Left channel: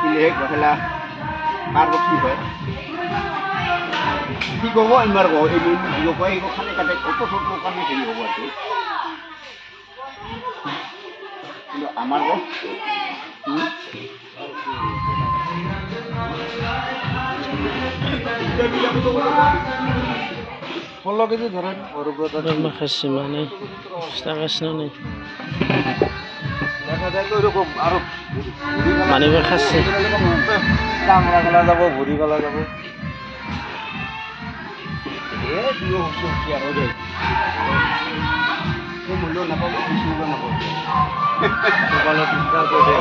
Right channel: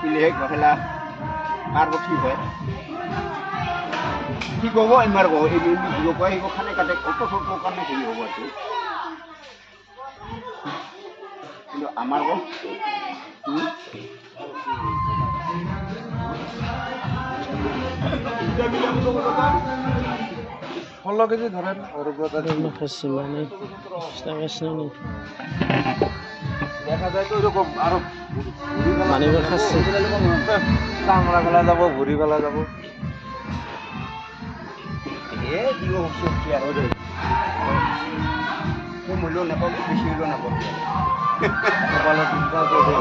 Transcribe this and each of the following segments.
pilih bahela karbo ki hoy ki gobo imar go ini go koi go khane kate auto photo karne ki hobo ati কিন্তু আমার গো ফলো KG ধরেন অরুব্রতা খাসি মানে স্টাকাস নেই দেখা যায় তো এরকম আরো মানিবে খাসি চামড়া গলা যাব ভুরি গলা যাব এ দিও সবজি আর ওই ও মূল্য না পাবো বেশি মূল্য না পাবো বলা চিন্তা করে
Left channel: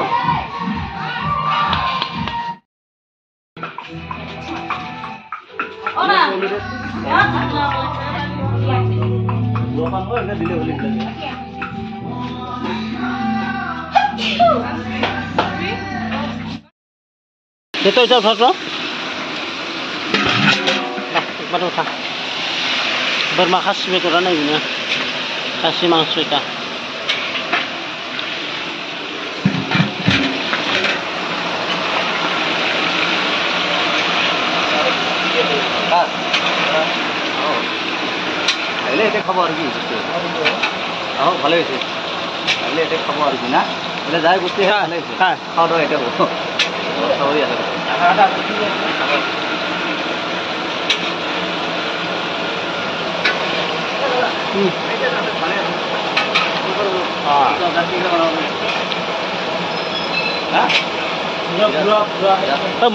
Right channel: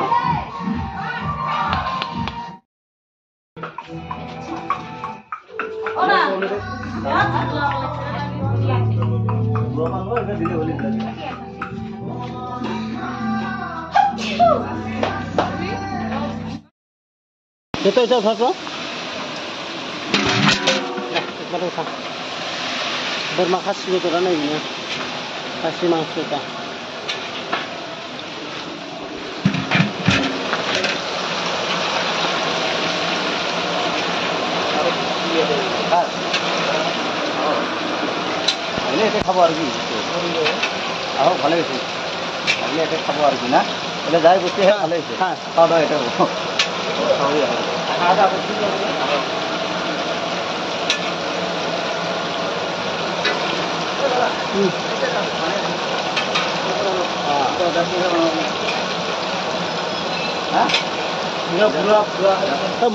ওরা দোকান হয় না দিলে হলি itu jauh bro. Baru udah. Bermakasih betul karena ini. Kasih mangsud kita. Ini ada kabar lagi. Oh, boleh sih. Ini ada kabar lagi na. Ini dah buat ya. Ha. Kau dah itu. Oh ya. Ada.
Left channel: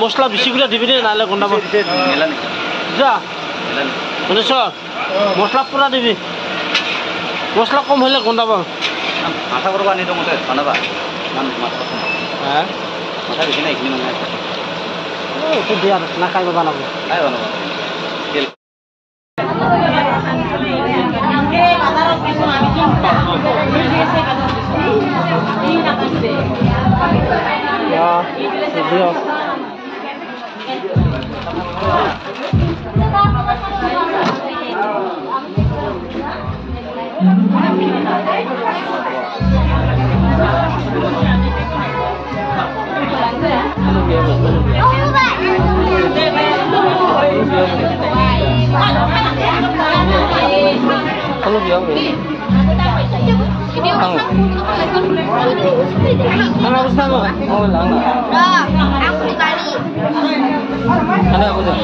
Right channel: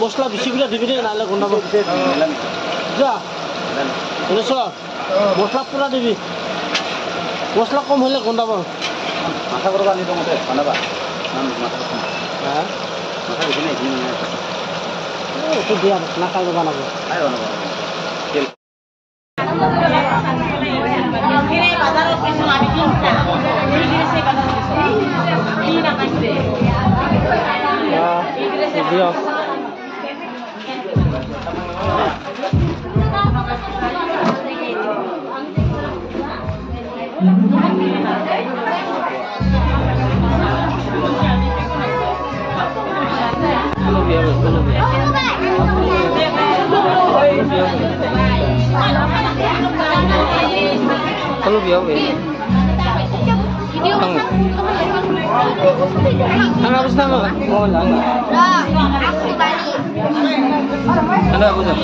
মশলা বেশি করে দিবি না নাহলে গন্ডাবো যা শুনেছ মশলা পুরা দিবি মশলা কম হলে গন্ডাবো আশা করবো আনি তো মতে বানাবা হ্যাঁ মাথা বেশি না এখানে একটু দিয়ে না খাইবে বানাবো Kalau dia apa? Anak bersama? Oh, lama. Aku di Bali. Anak apa tu?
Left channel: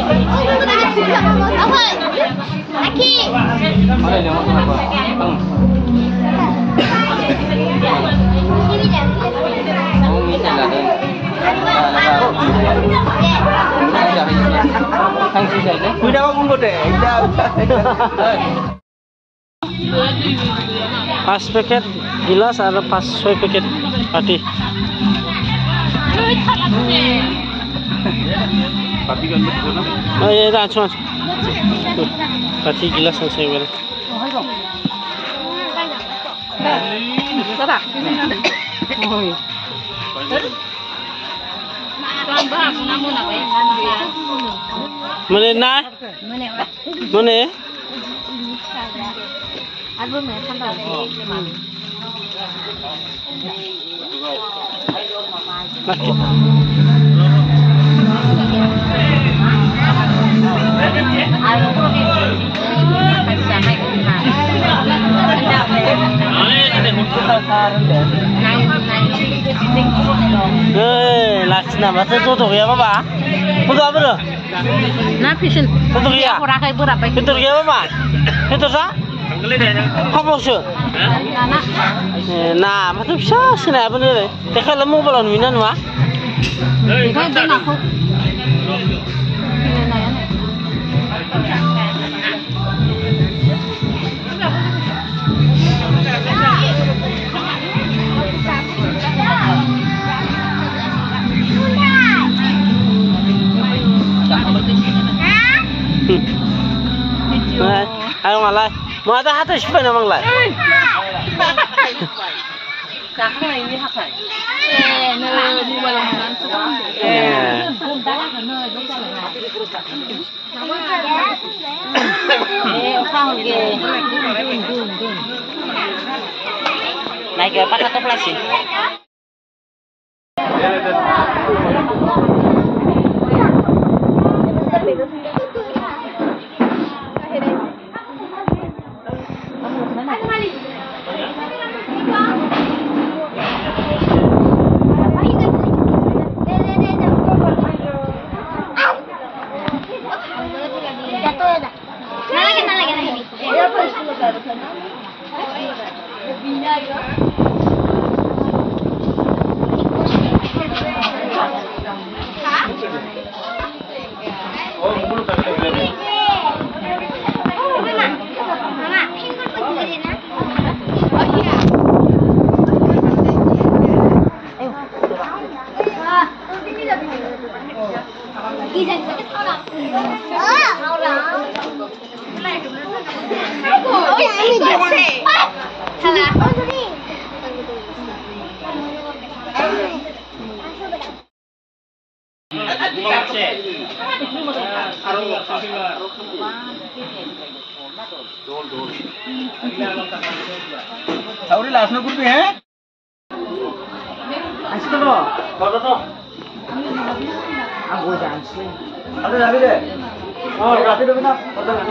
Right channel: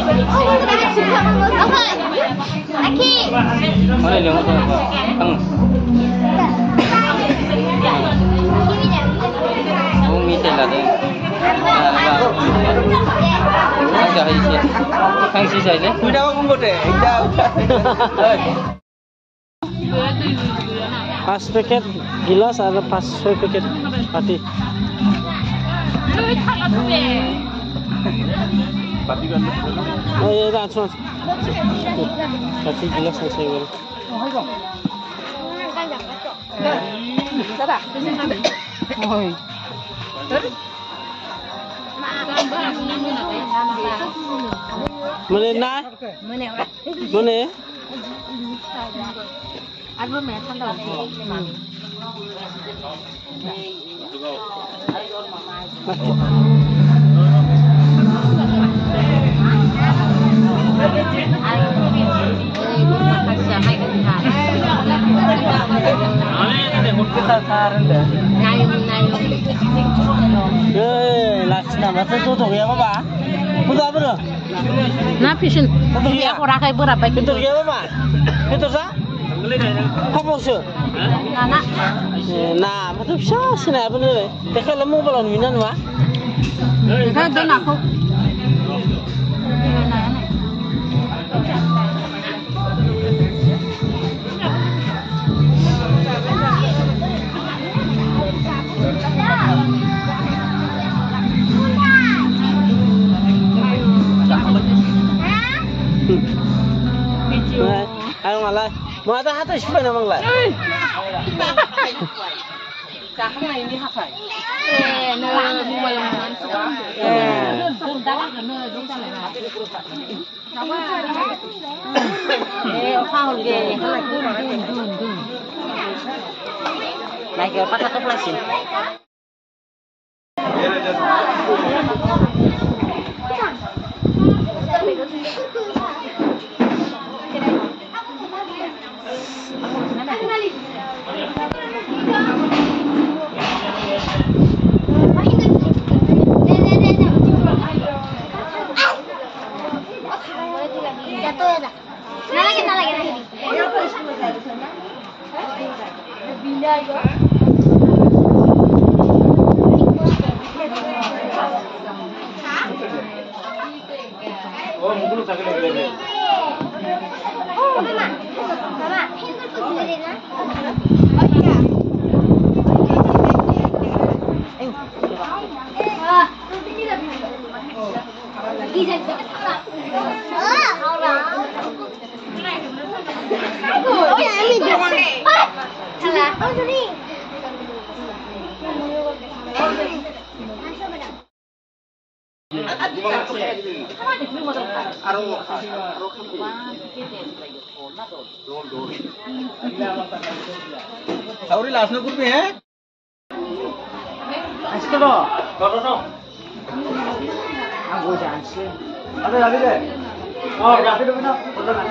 Aki. Mana dia makan apa? Oh, minta dah. Kang sisa je. Kuda apa pun deh. 5 paket gilas ada 6 paket pati. Oh iya dah cuma. Pati gilas saya beri. Mana nak? Mana? Album mẹ thăm đầu Laksana masa tutup ya Pak? Tutup apa tu? Na fashion. Tutup ya? Orang kayak berapa? Tutup ya Pak? Tutup sah? Apa sih? Nah, macam siapa sih nak benda ni? Dekat lemu belum minat mah? Dekat dia nak aku. Ayo malai. Mau ada hati siapa nama malai? Kakak ini apa? Nơ mua balon dengan suam. Không kì. Này kìa bắt tóc là gì? Tauri last no kurbi hai? Asko no. Kodo no. Aku janji. Ada lagi deh. Oh, lagi deh bina. Kodo nak.